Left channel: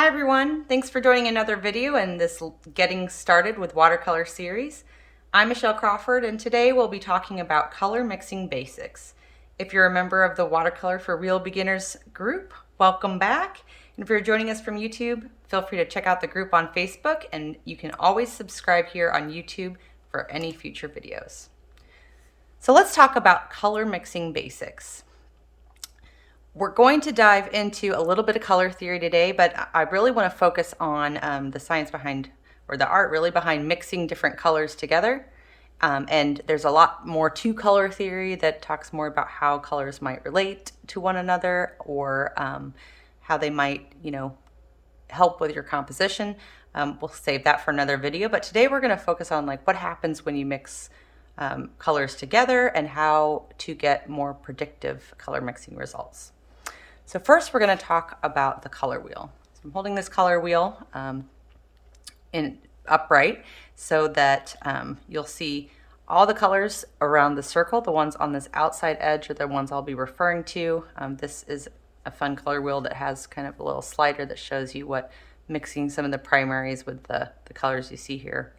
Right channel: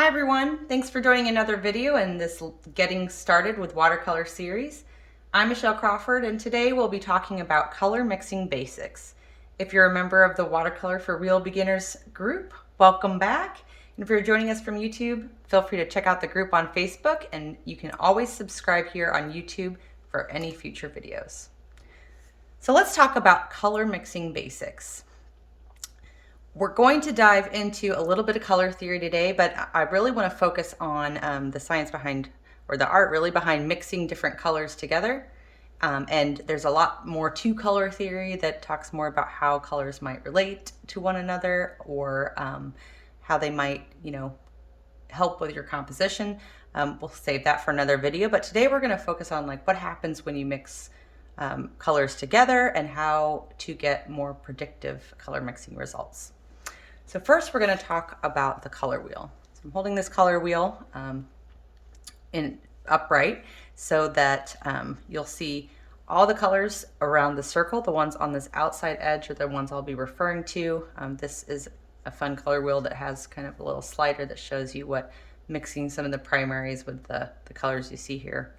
Hi everyone, thanks for joining another video in this Getting Started with Watercolor series. I'm Michelle Crawford and today we'll be talking about color mixing basics. If you're a member of the Watercolor for Real Beginners group, welcome back. And if you're joining us from YouTube, feel free to check out the group on Facebook, and you can always subscribe here on YouTube for any future videos. So let's talk about color mixing basics. We're going to dive into a little bit of color theory today, but I really want to focus on the science behind, or the art really behind, mixing different colors together. And there's a lot more to color theory that talks more about how colors might relate to one another, or how they might, help with your composition. We'll save that for another video, but today we're going to focus on what happens when you mix colors together and how to get more predictive color mixing results. So first we're going to talk about the color wheel. So I'm holding this color wheel upright so that you'll see all the colors around the circle. The ones on this outside edge are the ones I'll be referring to. This is a fun color wheel that has kind of a little slider that shows you what mixing some of the primaries with the colors you see here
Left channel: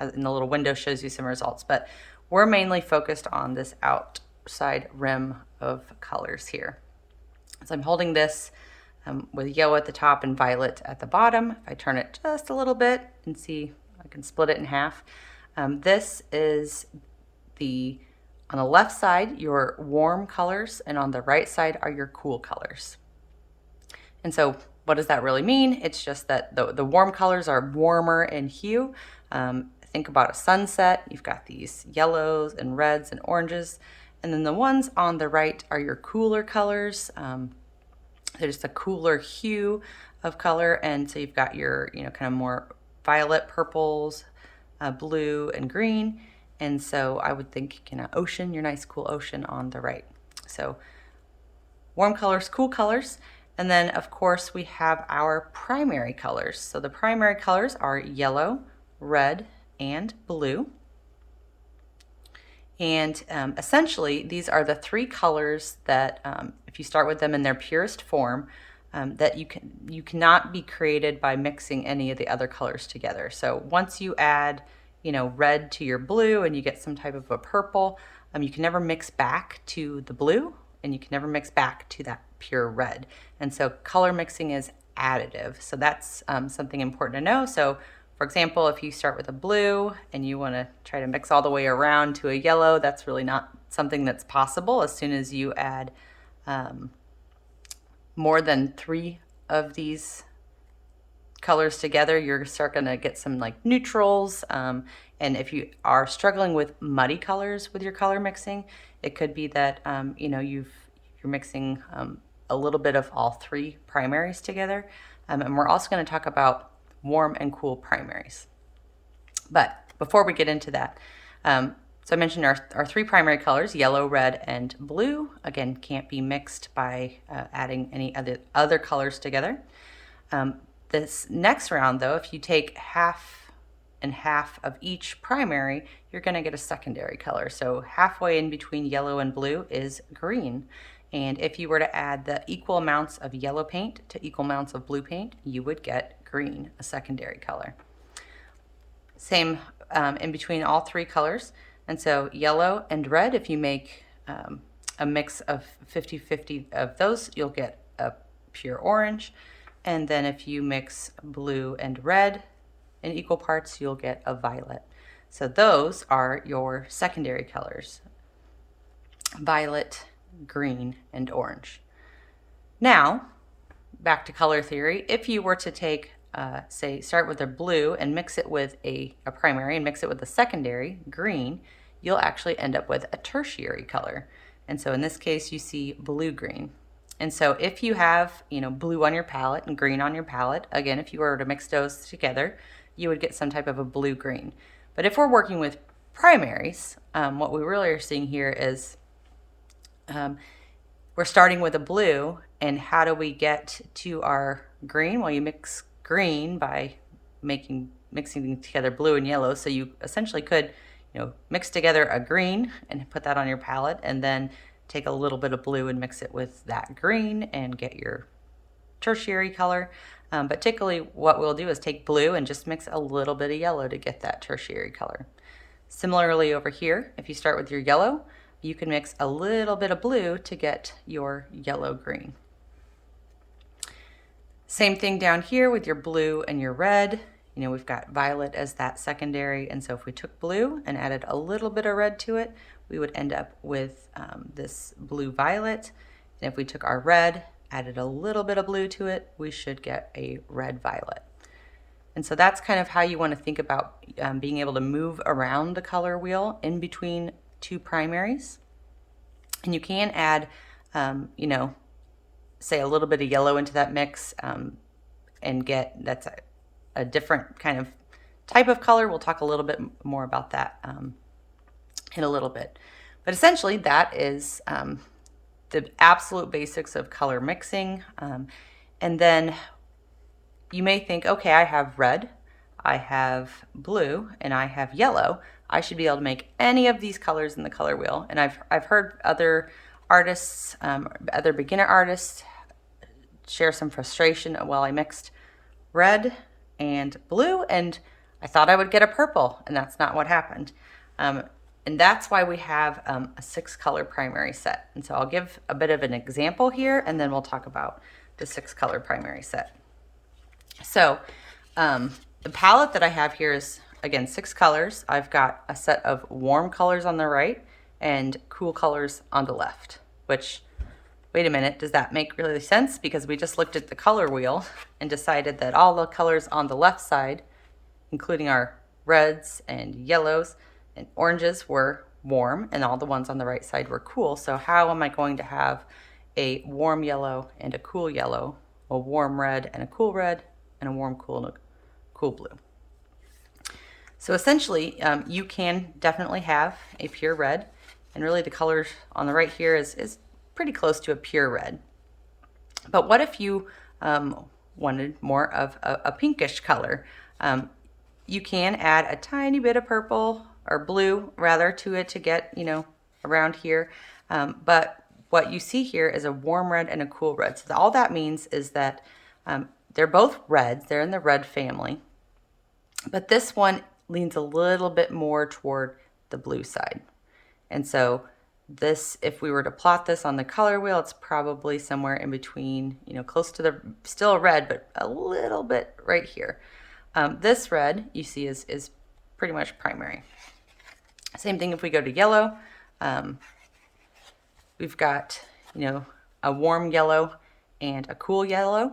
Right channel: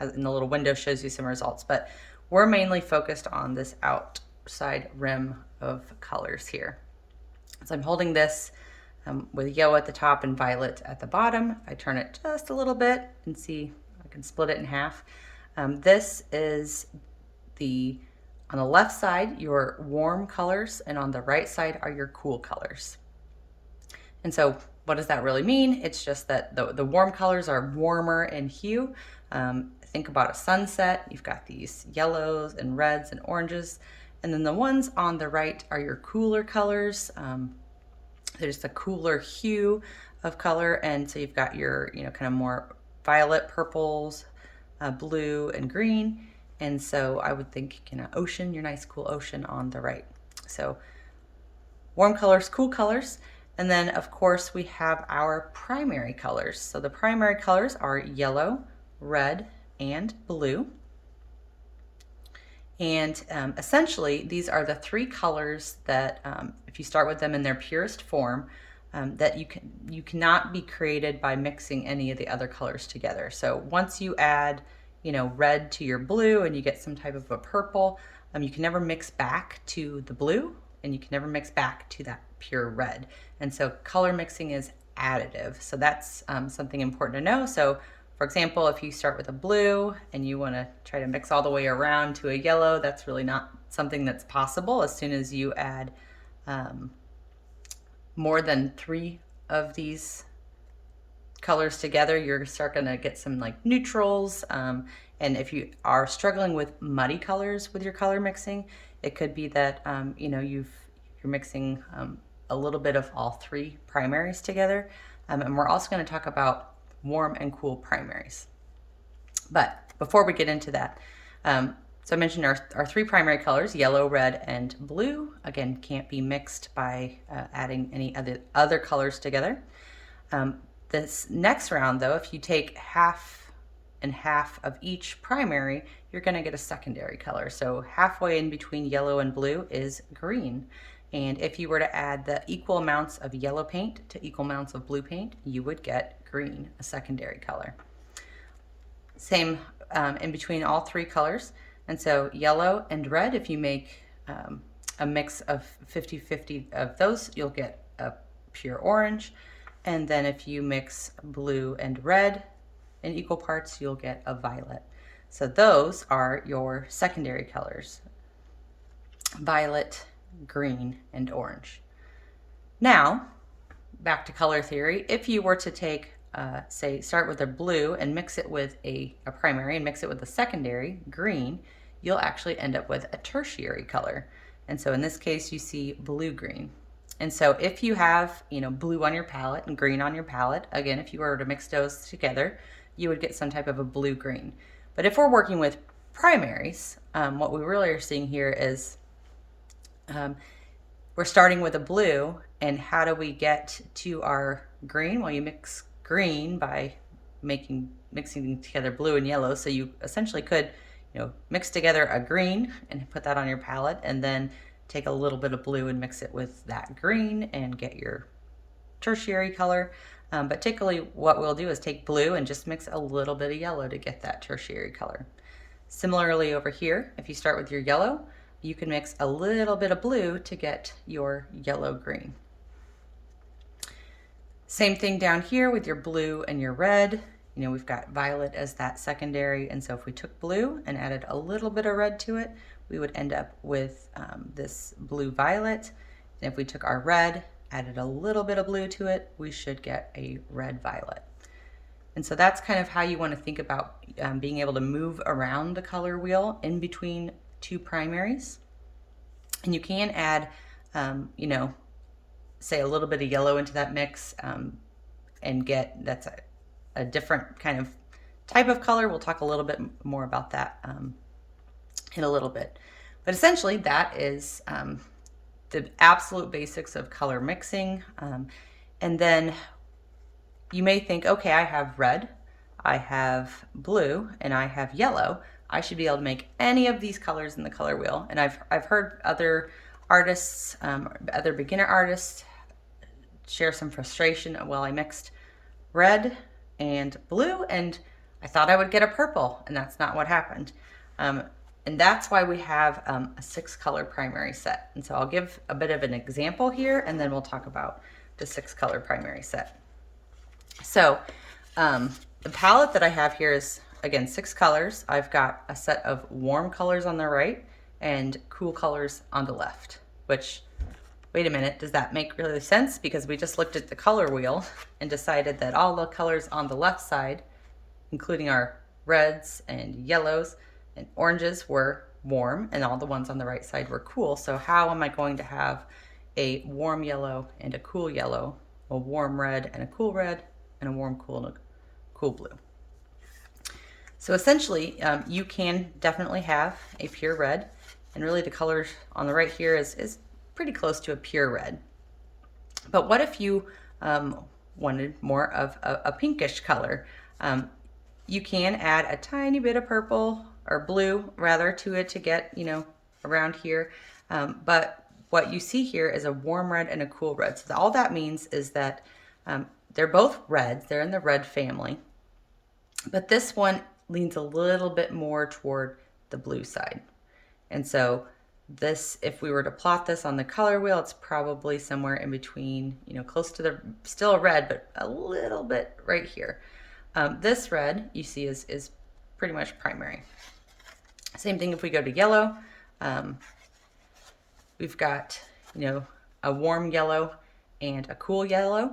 in the little window shows you some results. But we're mainly focused on this outside rim of colors here. So I'm holding this with yellow at the top and violet at the bottom. If I turn it just a little bit and see, I can split it in half. This is on the left side, your warm colors, and on the right side are your cool colors. And so what does that really mean? It's just that the warm colors are warmer in hue. Think about a sunset. You've got these yellows and reds and oranges. And then the ones on the right are your cooler colors. They're just a cooler hue of color. And so you've got your, kind of more violet, purples, blue, and green. And so I would think, ocean, your nice cool ocean on the right. So warm colors, cool colors. And then of course we have our primary colors. So the primary colors are yellow, red, and blue. And essentially, these are the three colors that, if you start with them in their purest form, that you cannot be created by mixing any of the other colors together. So once you add, red to your blue and you get some type of a purple, you can never mix back to the blue, and you can never mix back to that pure red. And so color mixing is additive. So that's something important to know. So for example, if you start with a blue and you want to try to mix all the way around to a yellow, that's really not something that's possible. As soon as you add more than 3 of these colors together, you're start going to get some neutrals. And if you are struggling with muddy colors with your color mixing, it could be that you're mixing a little bit of all 3 primaries together. And we're also going to talk about warm and cool primaries. But before we get into that, so I mentioned our 3 primary colors, yellow, red, and blue, again, can't be mixed by adding any other colors together. This next round, though, if you take half and half of each primary, you're going to get a secondary color. So halfway in between yellow and blue is green. And if you were to add the equal amounts of yellow paint to equal amounts of blue paint, you would get green, a secondary color. Same in between all 3 colors. And so yellow and red, if you make a mix of 50-50 of those, you'll get a pure orange. And then if you mix blue and red in equal parts, you'll get a violet. So those are your secondary colors: violet, green, and orange. Now, back to color theory. If you were to take, start with a blue and mix it with a primary and mix it with a secondary, green, you'll actually end up with a tertiary color. And so in this case, you see blue-green. And so if you have, blue on your palette and green on your palette, again, if you were to mix those together, you would get some type of a blue-green. But if we're working with primaries, what we really are seeing here is we're starting with a blue, and how do we get to our green? Well, you mix green by mixing together blue and yellow. So you essentially could, mix together a green and put that on your palette, and then take a little bit of blue and mix it with that green and get your tertiary color. But typically what we'll do is take blue and just mix a little bit of yellow to get that tertiary color. Similarly over here, if you start with your yellow, you can mix a little bit of blue to get your yellow-green. Same thing down here with your blue and your red. You know, we've got violet as that secondary, and so if we took blue and added a little bit of red to it, we would end up with this blue-violet. And if we took our red, added a little bit of blue to it, we should get a red-violet. And so that's kind of how you want to think about being able to move around the color wheel in between two primaries. And you can add, you know, say a little bit of yellow into that mix and get, that's a different kind of type of color. We'll talk a little bit more about that in a little bit. But essentially that is the absolute basics of color mixing. And then you may think, okay, I have red, I have blue, and I have yellow. I should be able to make any of these colors in the color wheel. And I've heard other artists, other beginner artists share some frustration. Well, I mixed red and blue and I thought I would get a purple, and that's not what happened. And that's why we have a 6-color primary set. And so I'll give a bit of an example here, and then we'll talk about the 6-color primary set. So the palette that I have here is, again, 6 colors. I've got a set of warm colors on the right and cool colors on the left, which, wait a minute, does that make really sense? Because we just looked at the color wheel and decided that all the colors on the left side, including our reds and yellows and oranges, were warm, and all the ones on the right side were cool. So how am I going to have a warm yellow and a cool yellow, a warm red and a cool red, and a warm cool and a cool blue? So essentially, you can definitely have a pure red, and really the color on the right here is pretty close to a pure red. But what if you wanted more of a pinkish color? You can add a tiny bit of purple, or blue rather, to it to get, you know, around here. But what you see here is a warm red and a cool red. So all that means is that they're both reds, they're in the red family, but this one leans a little bit more toward the blue side. And so this, if we were to plot this on the color wheel, it's probably somewhere in between, you know, close to the, still a red, but a little bit right here. This red you see is pretty much primary. Same thing if we go to yellow. We've got, you know, a warm yellow and a cool yellow.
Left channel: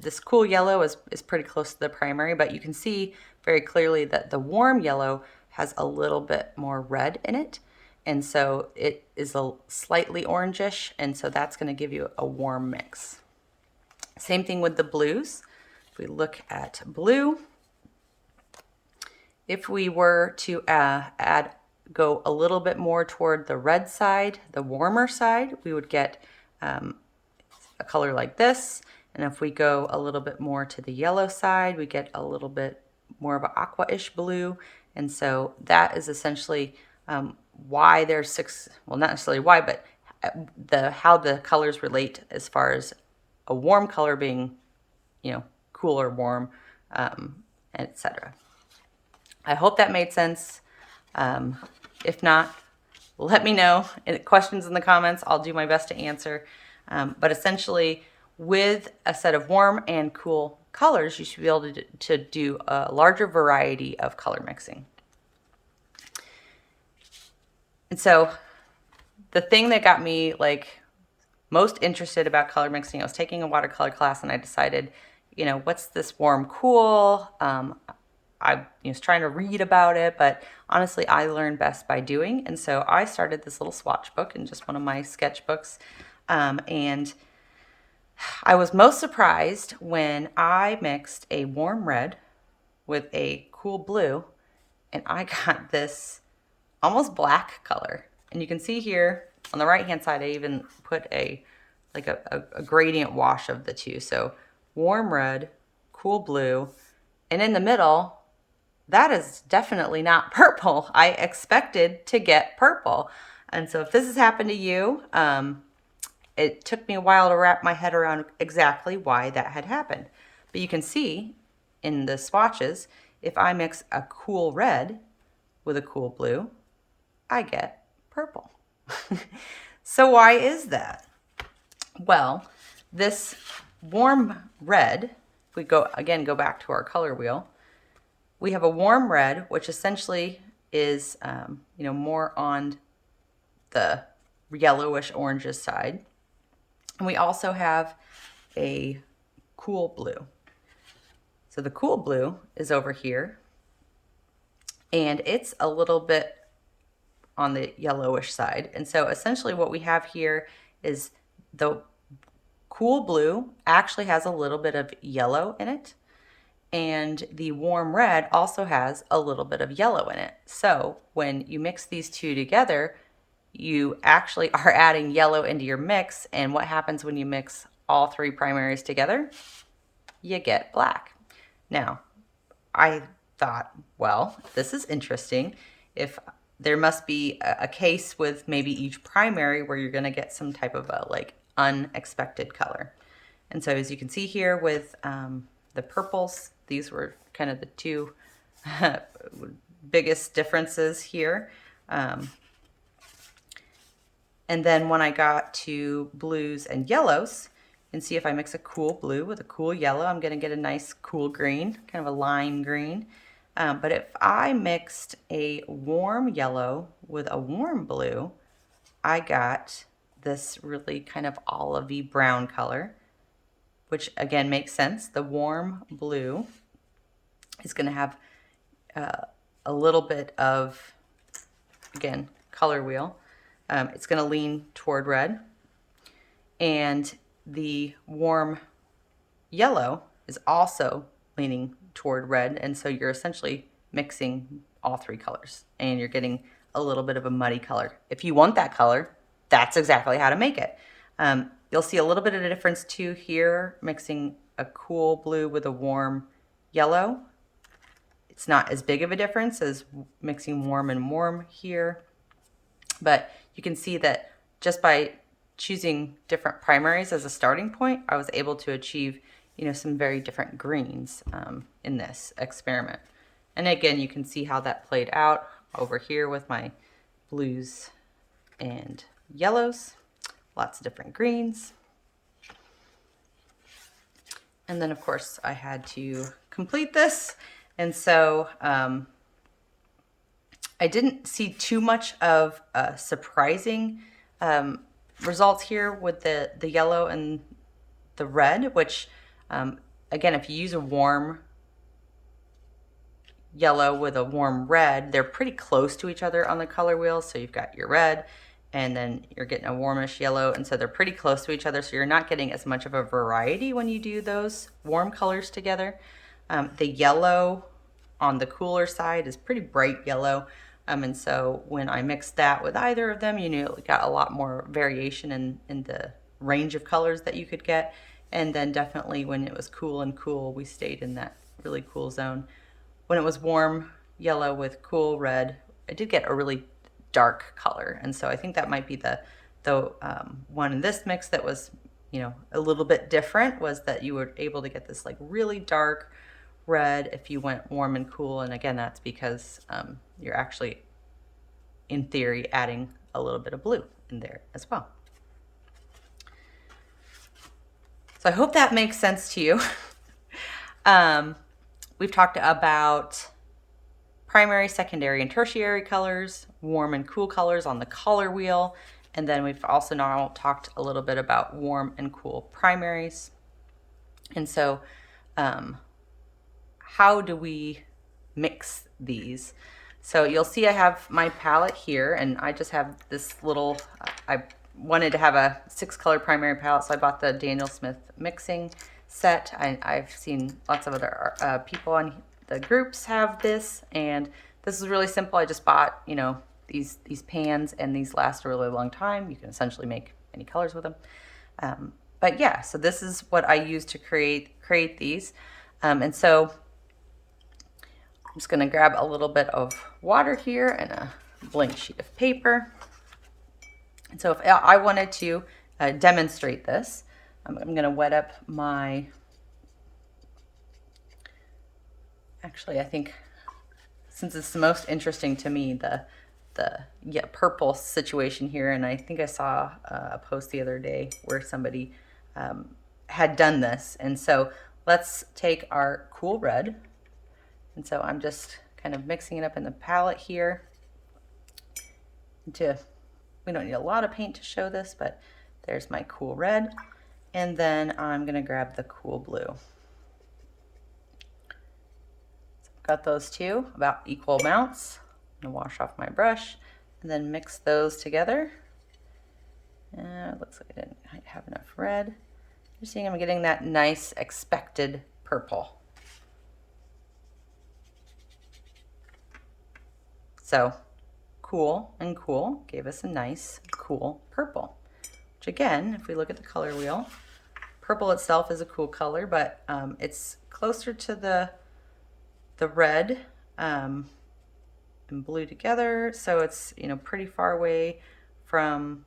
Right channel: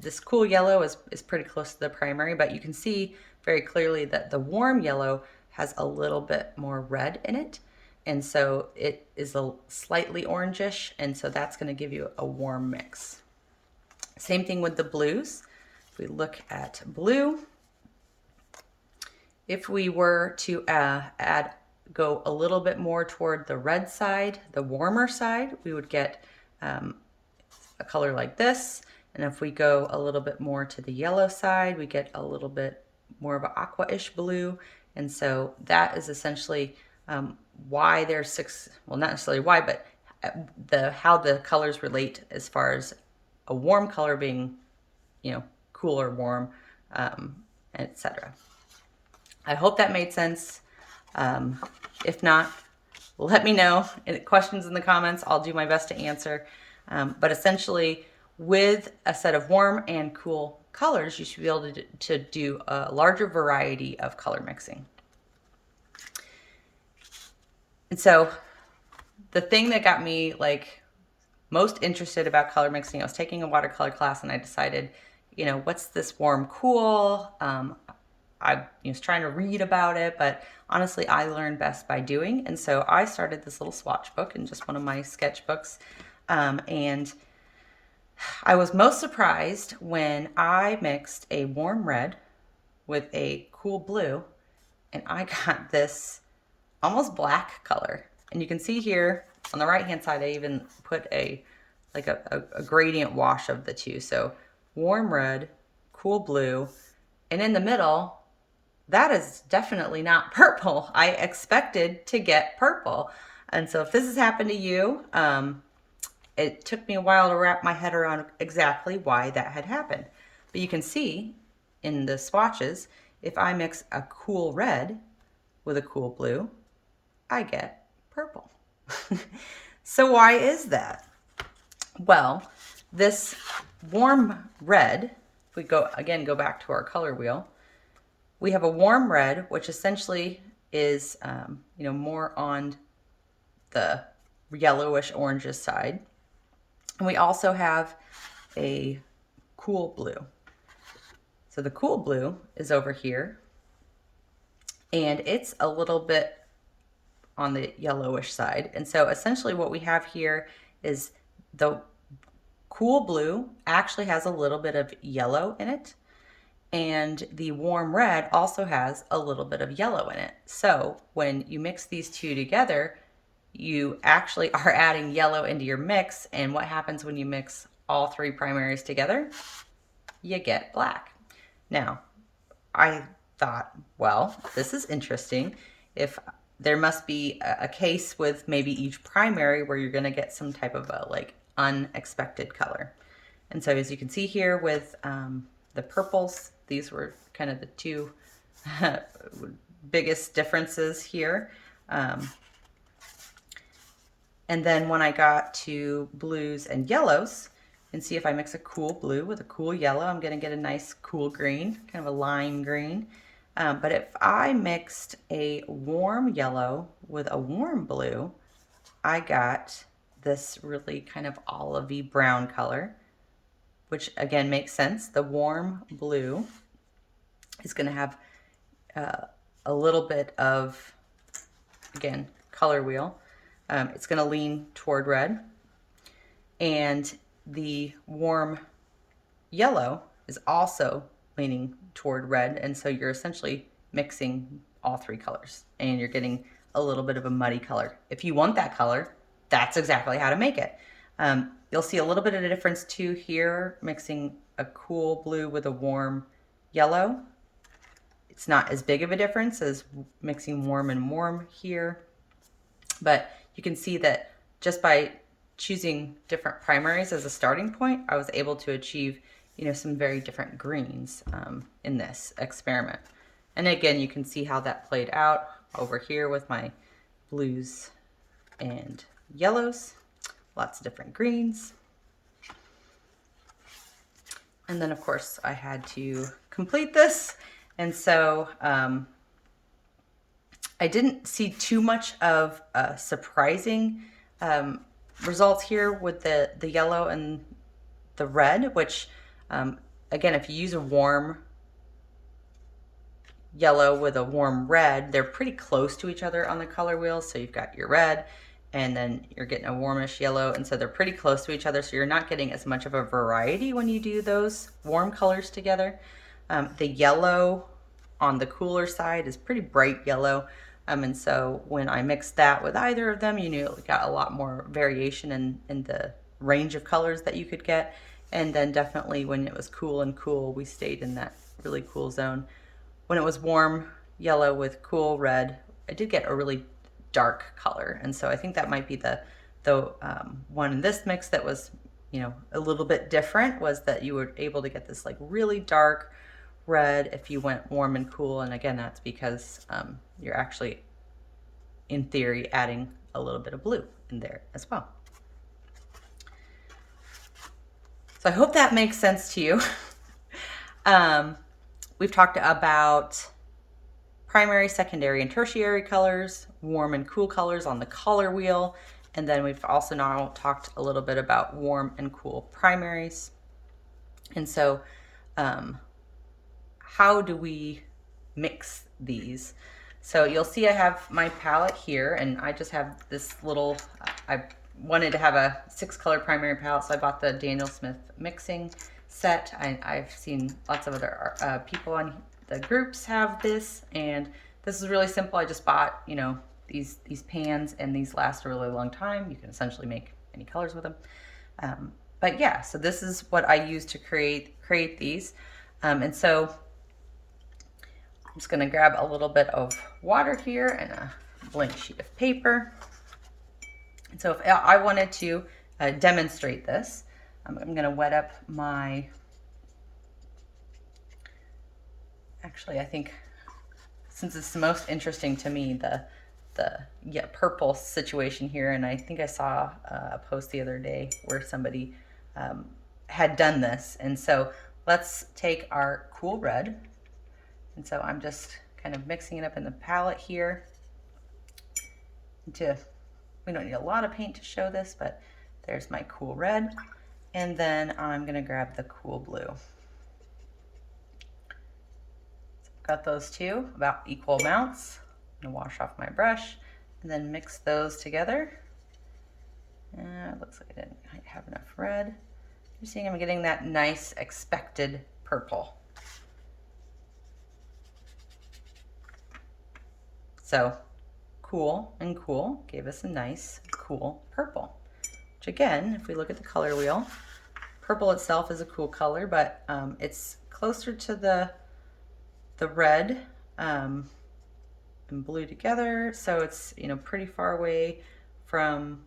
This cool yellow is pretty close to the primary, but you can see very clearly that the warm yellow has a little bit more red in it. And so it is a slightly orangish, and so that's going to give you a warm mix. Same thing with the blues. If we look at blue, if we were to go a little bit more toward the red side, the warmer side, we would get a color like this. And if we go a little bit more to the yellow side, we get a little bit more of an aqua-ish blue. And so that is essentially why there's 6, well, not necessarily why, but how the colors relate as far as a warm color being, you know, cool or warm, etc. I hope that made sense. If not, let me know. Questions in the comments, I'll do my best to answer. But essentially, with a set of warm and cool colors, you should be able to do a larger variety of color mixing. And so the thing that got me like most interested about color mixing, I was taking a watercolor class and I decided, you know, what's this warm cool? I was trying to read about it, but honestly, I learn best by doing. And so I started this little swatch book in just one of my sketchbooks. And I was most surprised when I mixed a warm red with a cool blue, and I got this almost black color. And you can see here on the right hand side, I even put a gradient wash of the two. So warm red, cool blue, and in the middle, that is definitely not purple. I expected to get purple. And so if this has happened to you, it took me a while to wrap my head around exactly why that had happened. But you can see in the swatches, if I mix a cool red with a cool blue, I get purple. So why is that? Well, this warm red, if we go back to our color wheel, we have a warm red, which essentially is, more on the yellowish orangish side. And we also have a cool blue. So the cool blue is over here, and it's a little bit on the yellowish side. And so essentially what we have here is the cool blue actually has a little bit of yellow in it, and the warm red also has a little bit of yellow in it. So when you mix these two together, you actually are adding yellow into your mix. And what happens when you mix all three primaries together? You get black. Now, I thought, well, this is interesting. If there must be a case with maybe each primary where you're going to get some type of a unexpected color. And so as you can see here with the purples, these were kind of the two biggest differences here. And then when I got to blues and yellows, and see if I mix a cool blue with a cool yellow, I'm going to get a nice cool green, kind of a lime green. But if I mixed a warm yellow with a warm blue, I got this really kind of olivey brown color, which again makes sense. The warm blue is going to have a little bit of, again, color wheel. It's going to lean toward red, and the warm yellow is also leaning toward red, and so you're essentially mixing all three colors, and you're getting a little bit of a muddy color. If you want that color, that's exactly how to make it. You'll see a little bit of a difference too here, mixing a cool blue with a warm yellow. It's not as big of a difference as mixing warm and warm here, but you can see that just by choosing different primaries as a starting point, I was able to achieve, some very different greens in this experiment. And again, you can see how that played out over here with my blues and yellows, lots of different greens. And then of course I had to complete this. And so I didn't see too much of surprising results here with the yellow and the red, which again, if you use a warm yellow with a warm red, they're pretty close to each other on the color wheel. So you've got your red and then you're getting a warmish yellow, and so they're pretty close to each other, so you're not getting as much of a variety when you do those warm colors together. The yellow on the cooler side is pretty bright yellow. And so when I mixed that with either of them, you got a lot more variation in the range of colors that you could get. And then definitely when it was cool and cool, we stayed in that really cool zone. When it was warm yellow with cool red, I did get a really dark color. And so I think that might be the one in this mix that was, a little bit different, was that you were able to get this really dark red if you went warm and cool. And again, that's because you're actually, in theory, adding a little bit of blue in there as well. So I hope that makes sense to you. We've talked about primary, secondary, and tertiary colors, warm and cool colors on the color wheel. And then we've also now talked a little bit about warm and cool primaries. And so how do we mix these? So you'll see I have my palette here, and I just have this little, I wanted to have a 6-color primary palette, so I bought the Daniel Smith mixing set. I've seen lots of other people on the groups have this, and this is really simple. I just bought, these pans, and these last a really long time. You can essentially make any colors with them. But yeah, so this is what I use to create these. And so I'm just going to grab a little bit of water here and a blank sheet of paper. And so if I wanted to demonstrate this, I'm going to wet up my Actually, I think since it's the most interesting to me, the purple situation here, and I think I saw a post the other day where somebody had done this. And so let's take our cool red, and so I'm just kind of mixing it up in the palette here. We don't need a lot of paint to show this, but there's my cool red, and then I'm gonna grab the cool blue. Got those two about equal amounts. I'm gonna wash off my brush and then mix those together. It looks like I didn't have enough red. You're seeing I'm getting that nice expected purple. So cool and cool gave us a nice cool purple, which again, if we look at the color wheel, purple itself is a cool color, but it's closer to the red and blue together, so it's, you know, pretty far away from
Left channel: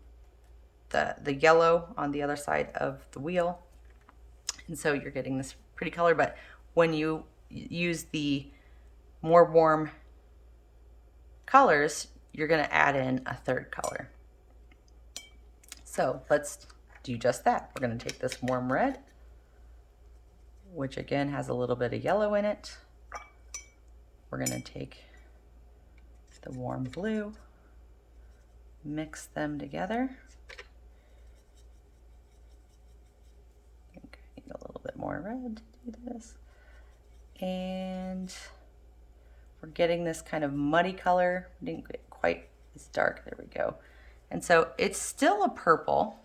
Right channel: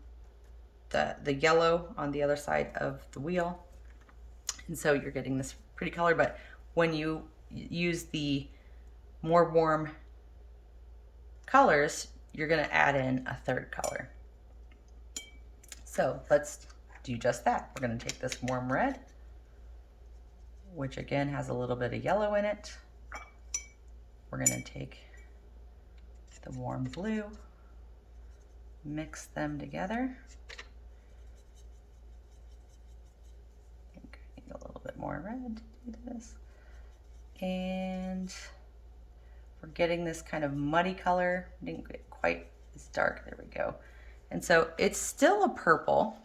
the yellow on the other side of the wheel, and so you're getting this pretty color. But when you use the more warm colors, you're going to add in a third color. So let's do just that. We're going to take this warm red, which again has a little bit of yellow in it. We're going to take the warm blue, mix them together. I think I need a little bit more red to do this. And we're getting this kind of muddy color. Didn't get quite as dark. There we go. And so it's still a purple.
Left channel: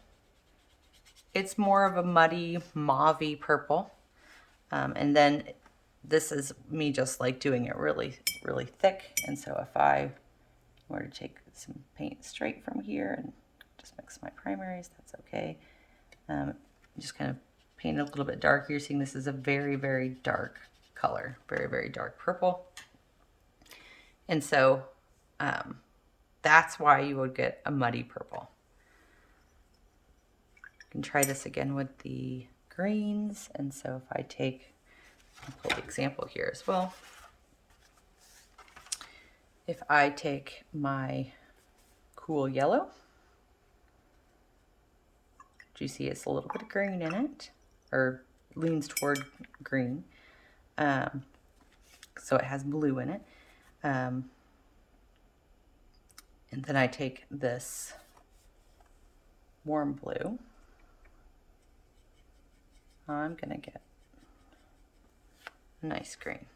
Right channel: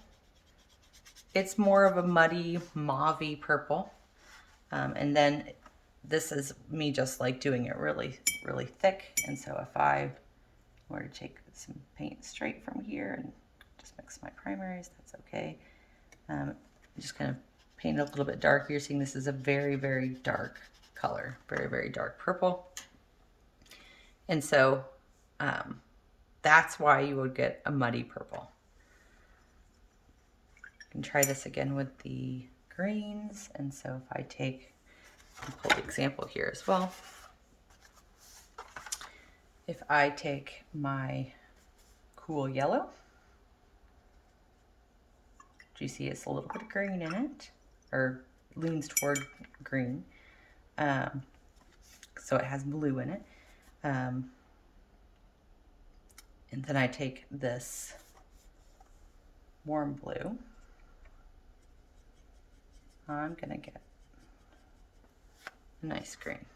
It's more of a muddy, mauve-y purple. And then this is me just like doing it really, really thick. And so if I were to take some paint straight from here and just mix my primaries, that's okay. Just kind of paint it a little bit darker. You're seeing this is a very, very dark color, very, very dark purple. And so that's why you would get a muddy purple. You can try this again with the greens. And so if I take, I'll pull the example here as well. If I take my cool yellow, do you see it's a little bit of green in it, or leans toward green. So it has blue in it. And then I take this warm blue. I'm gonna get a nice green.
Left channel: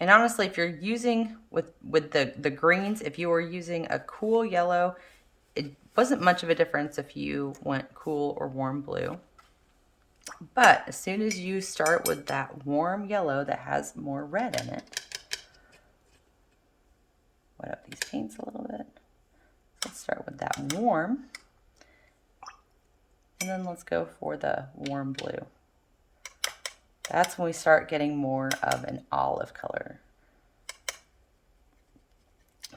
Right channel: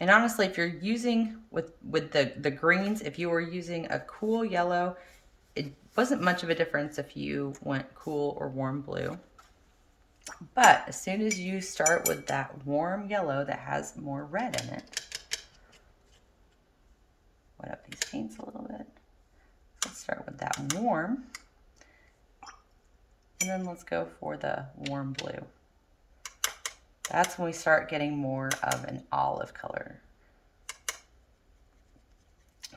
And honestly, if you're using with the greens, if you were using a cool yellow, it wasn't much of a difference if you went cool or warm blue. But as soon as you start with that warm yellow that has more red in it, wet up these paints a little bit. So let's start with that warm. And then let's go for the warm blue. That's when we start getting more of an olive color.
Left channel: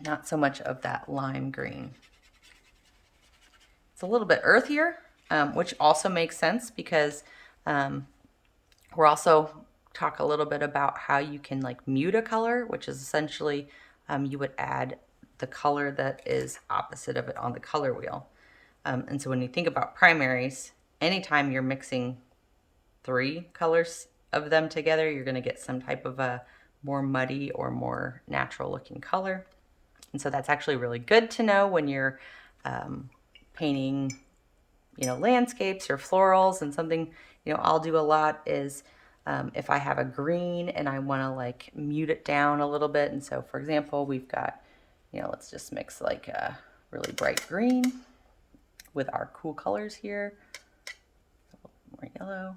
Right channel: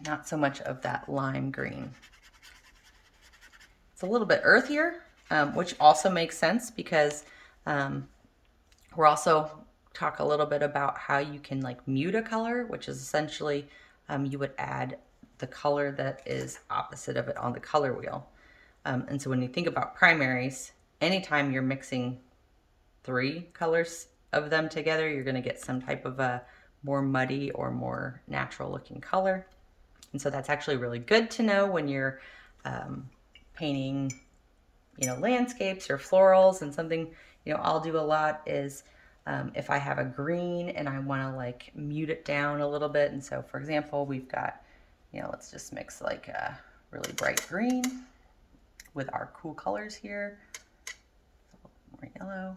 Not so much of that lime green. It's a little bit earthier, which also makes sense because we're also talk a little bit about how you can like mute a color, which is essentially you would add the color that is opposite of it on the color wheel. And so when you think about primaries, anytime you're mixing 3 colors of them together, you're going to get some type of a more muddy or more natural looking color. And so that's actually really good to know when you're painting, you know, landscapes or florals. And something, you know, I'll do a lot is if I have a green and I want to like mute it down a little bit. And so for example, we've got, you know, let's just mix like a really bright green with our cool colors here. A little more yellow.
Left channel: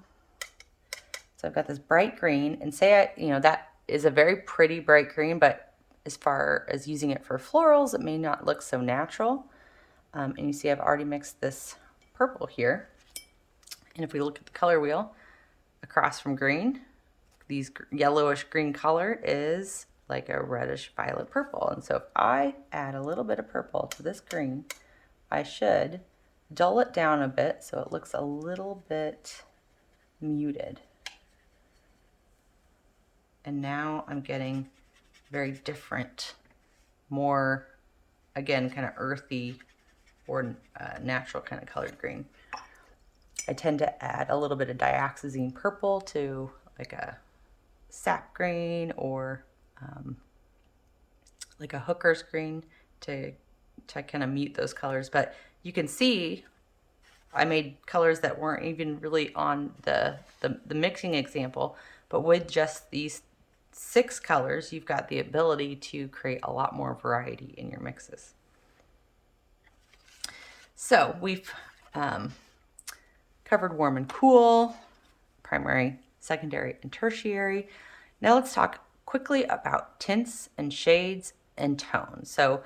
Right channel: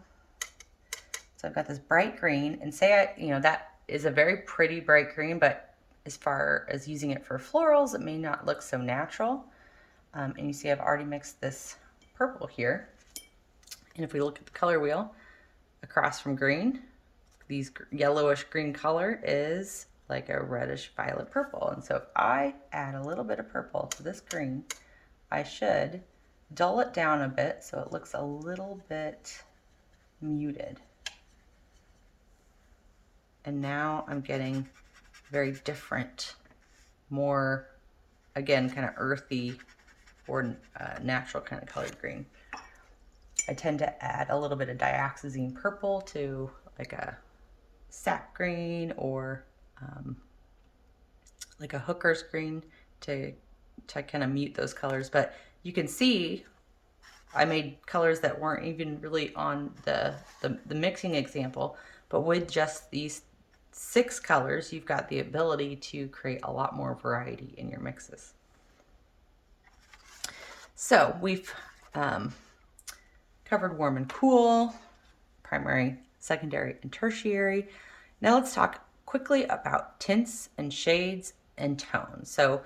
So I've got this bright green, and say you know, that is a very pretty bright green, but as far as using it for florals, it may not look so natural. And you see I've already mixed this purple here. And if we look at the color wheel, across from green, these yellowish green color is like a reddish violet purple. And so if I add a little bit of purple to this green, I should dull it down a bit so it looks a little bit muted. And now I'm getting very different, more, again, kind of earthy or natural kind of colored green. I tend to add a little bit of dioxazine purple to like a sap green or like a hooker's green to kind of mute those colors. But you can see I made colors that weren't even really on the mixing example, but with just these 6 colors, you've got the ability to create a lot more variety in your mixes. So we've covered warm and cool, primary, secondary, and tertiary. Now let's talk quickly about tints and shades and tones. So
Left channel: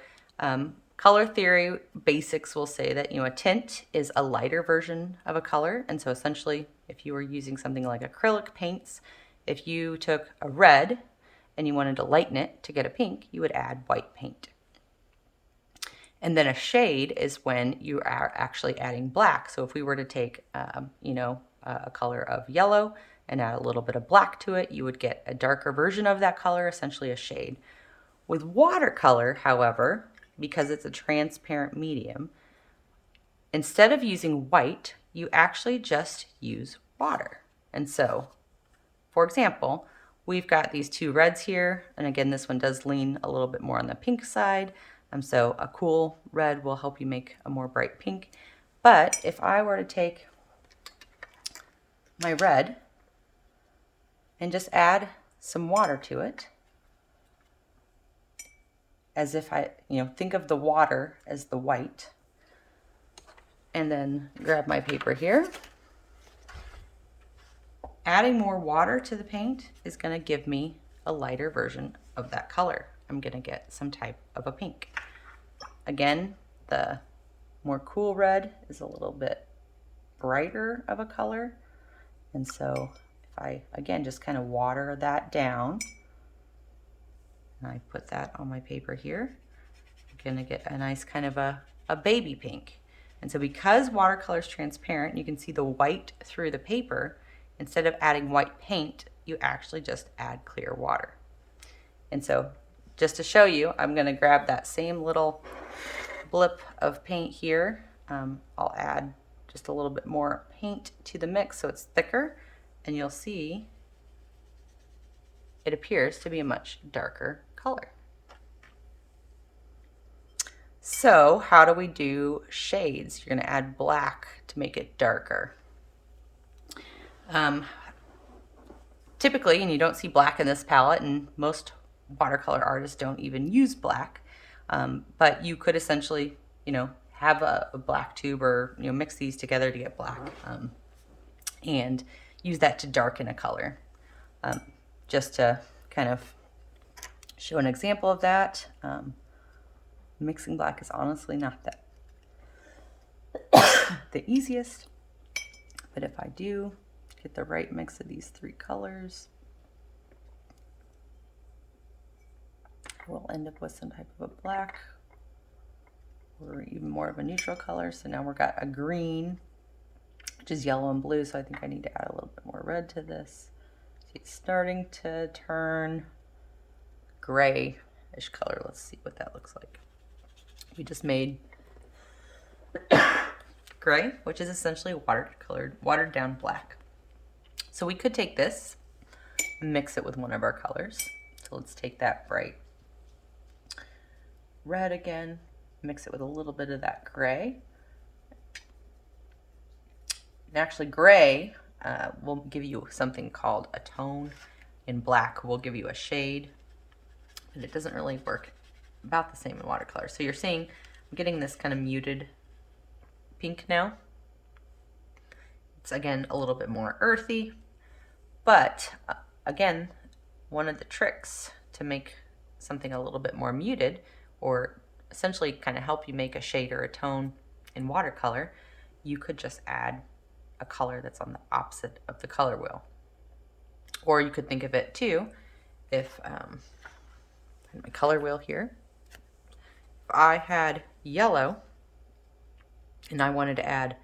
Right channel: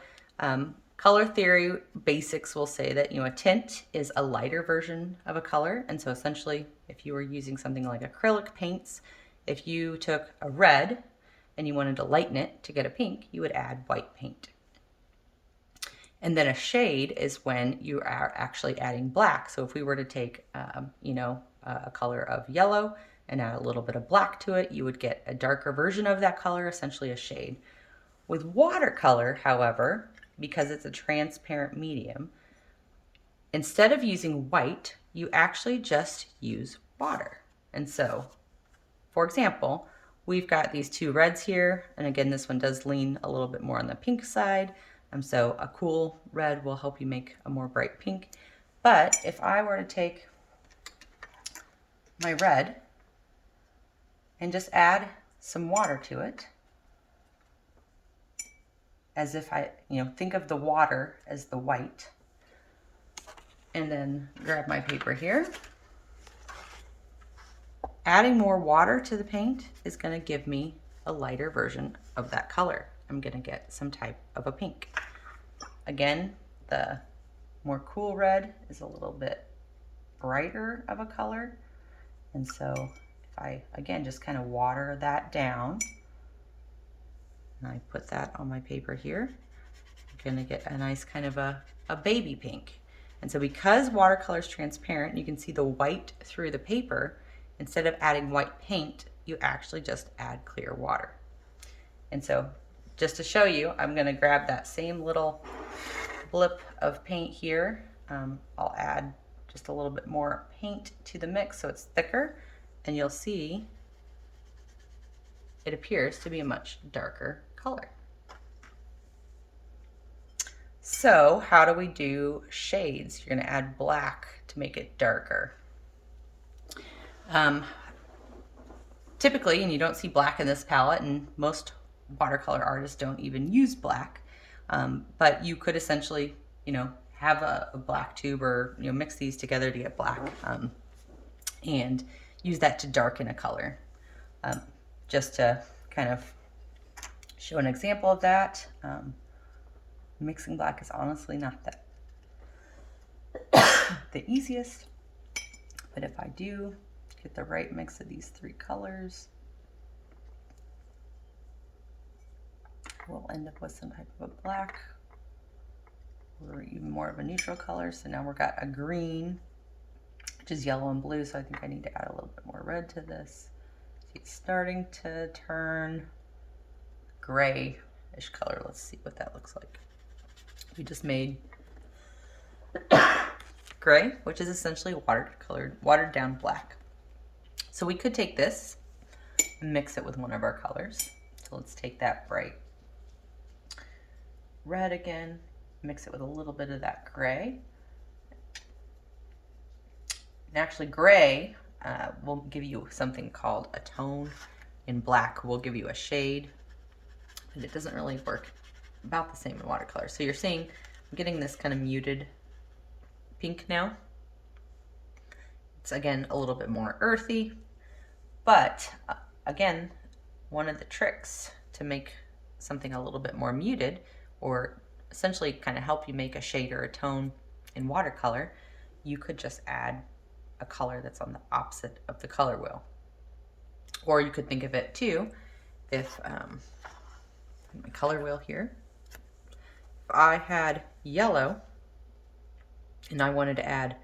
color theory basics will say that, a tint is a lighter version of a color. And so essentially, if you were using something like acrylic paints, if you took a red and you wanted to lighten it to get a pink, you would add white paint. And then a shade is when you are actually adding black. So if we were to take, a color of yellow and add a little bit of black to it, you would get a darker version of that color, essentially a shade. With watercolor, however, because it's a transparent medium, instead of using white, you actually just use water. And so, for example, we've got these 2 reds here. And again, this one does lean a little bit more on the pink side. So a cool red will help you make a more bright pink. But if I were to take my red and just add some water to it, as if I, think of the water as the white, and then grab my paper here. Adding more water to the paint is going to give me a lighter version of that color. I'm going to get some type of a pink. Again, the more cool red is a little bit brighter of a color. And so if I, again, just kind of water that down, and I put that on my paper here, I'm going to get a nice kind of a baby pink. And so because watercolor is transparent, you can see the white through the paper. Instead of adding white paint, you actually just add clear water. And so just to show you, I'm going to grab that same little blip of paint here. I'll add just a little bit more paint to the mix so it's thicker, and you'll see it appears to be a much darker color. So how do we do shades? You're going to add black to make it darker. Typically, and you don't see black in this palette, and most watercolor artists don't even use black, but you could essentially, have a black tube or, mix these together to get black, and use that to darken a color. Just to kind of show an example of that, mixing black is honestly not that the easiest, but if I do get the right mix of these 3 colors, we'll end up with some type of a black or even more of a neutral color. So now we've got a green, which is yellow and blue. So I think I need to add a little bit more red to this. See, it's starting to turn grayish color. Let's see what that looks like. We just made gray, which is essentially watered down black. So we could take this and mix it with one of our colors. So let's take that bright red again, mix it with a little bit of that gray. And actually gray will give you something called a tone, and black will give you a shade, and it doesn't really work about the same in watercolor. So you're seeing I'm getting this kind of muted pink now. It's again a little bit more earthy, but again, one of the tricks to make something a little bit more muted, or essentially kind of help you make a shade or a tone in watercolor, you could just add a color that's on the opposite of the color wheel. Or you could think of it too, if my color wheel here, if I had yellow and I wanted to add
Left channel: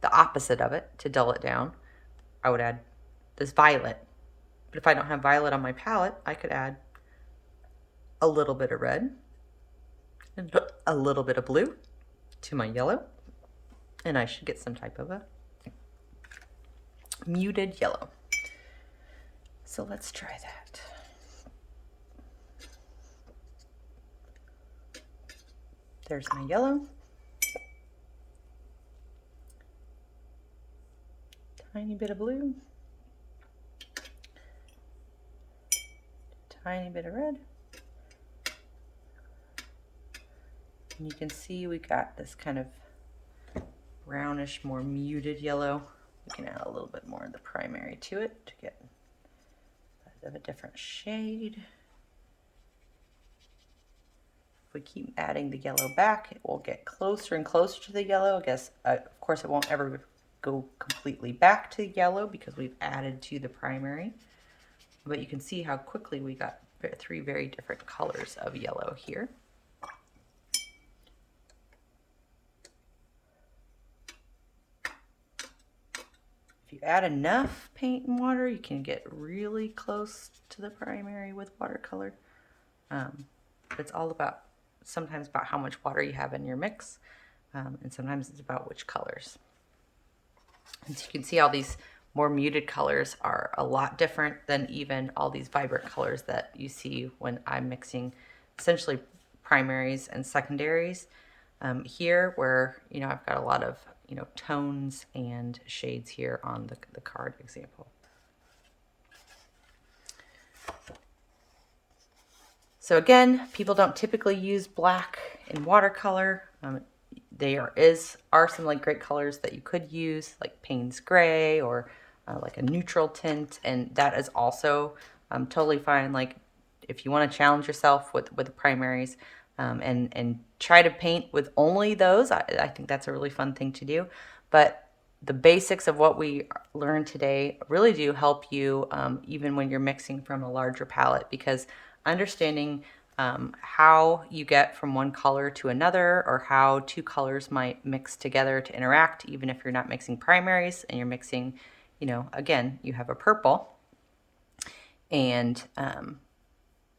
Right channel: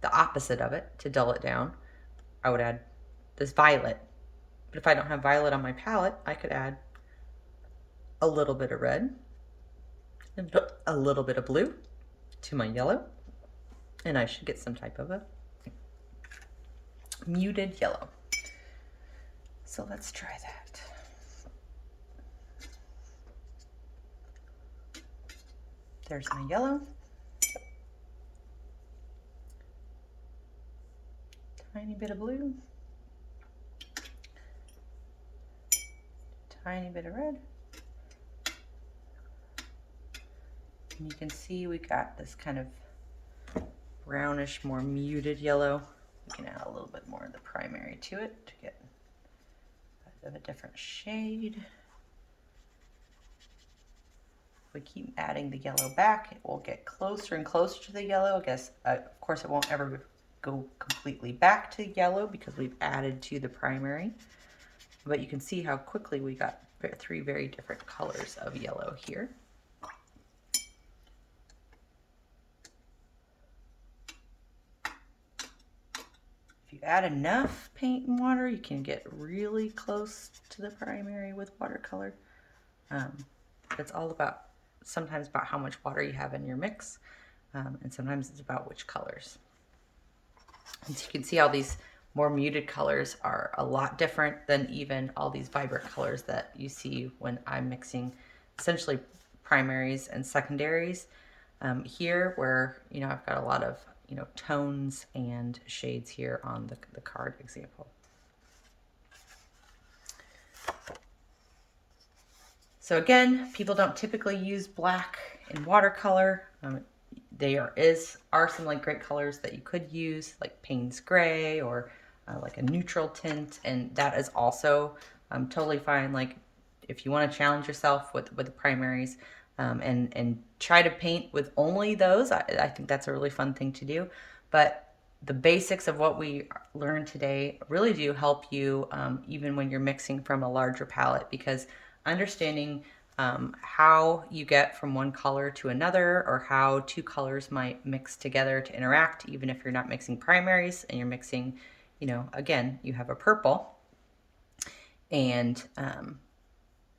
the opposite of it to dull it down, I would add this violet But if I don't have violet on my palette, I could add a little bit of red and a little bit of blue to my yellow, and I should get some type of a muted yellow. So let's try that. There's my yellow. Tiny bit of blue. Tiny bit of red. And you can see we got this kind of brownish, more muted yellow. We can add a little bit more of the primary to it to get a bit of a different shade. If we keep adding the yellow back, it will get closer and closer to the yellow. I guess, of course, it won't ever go completely back to yellow because we've added to the primary. But you can see how quickly we got 3 very different colors of yellow here. If you add enough paint and water, you can get really close to the primary with watercolor. It's all about, sometimes about how much water you have in your mix, and sometimes it's about which colors. And so you can see all these more muted colors are a lot different than even all these vibrant colors that you see when I'm mixing essentially primaries and secondaries. Here where, you know, I've got a lot of, you know, tones and shades here on the card example. So again, people don't typically use black in watercolor. There are some like great colors that you could use, like Payne's Gray or like a neutral tint, and that is also totally fine. Like if you want to challenge yourself with the primaries, and try to paint with only those, I think that's a really fun thing to do. But the basics of what we learned today really do help you even when you're mixing from a larger palette, because understanding how you get from one color to another, or how 2 colors might mix together to interact, even if you're not mixing primaries and you're mixing, you know, again, you have a purple, and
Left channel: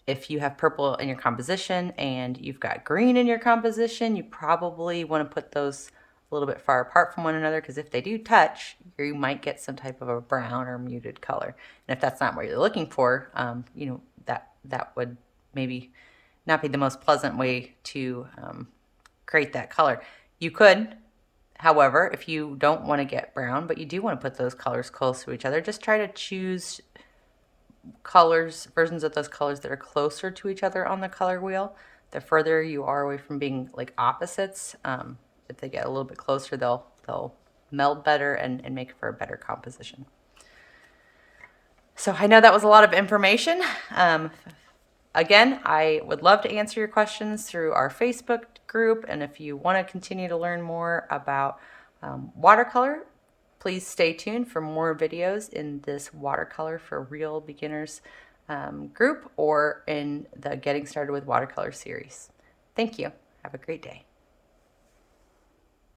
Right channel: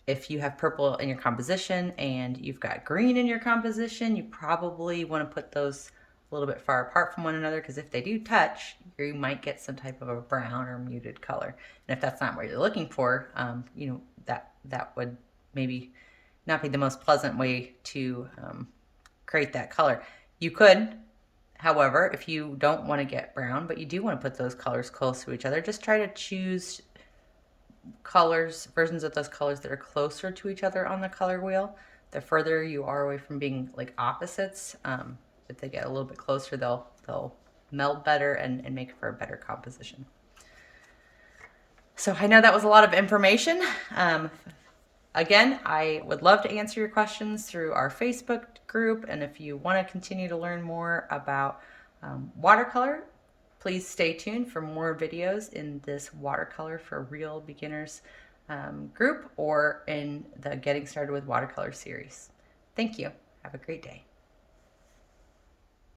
if you have purple in your composition and you've got green in your composition, you probably want to put those a little bit far apart from one another, because if they do touch, you might get some type of a brown or muted color. And if that's not what you're looking for, you know, that would maybe not be the most pleasant way to create that color. You could, however, if you don't want to get brown, but you do want to put those colors close to each other, just try to choose versions of those colors that are closer to each other on the color wheel. The further you are away from being like opposites, if they get a little bit closer, they'll meld better and make for a better composition. So I know that was a lot of information. Again, I would love to answer your questions through our Facebook group, and if you want to continue to learn more about watercolor, please stay tuned for more videos in this Watercolor for Real Beginners group, or in the Getting Started with Watercolor series. Thank you. Have a great day.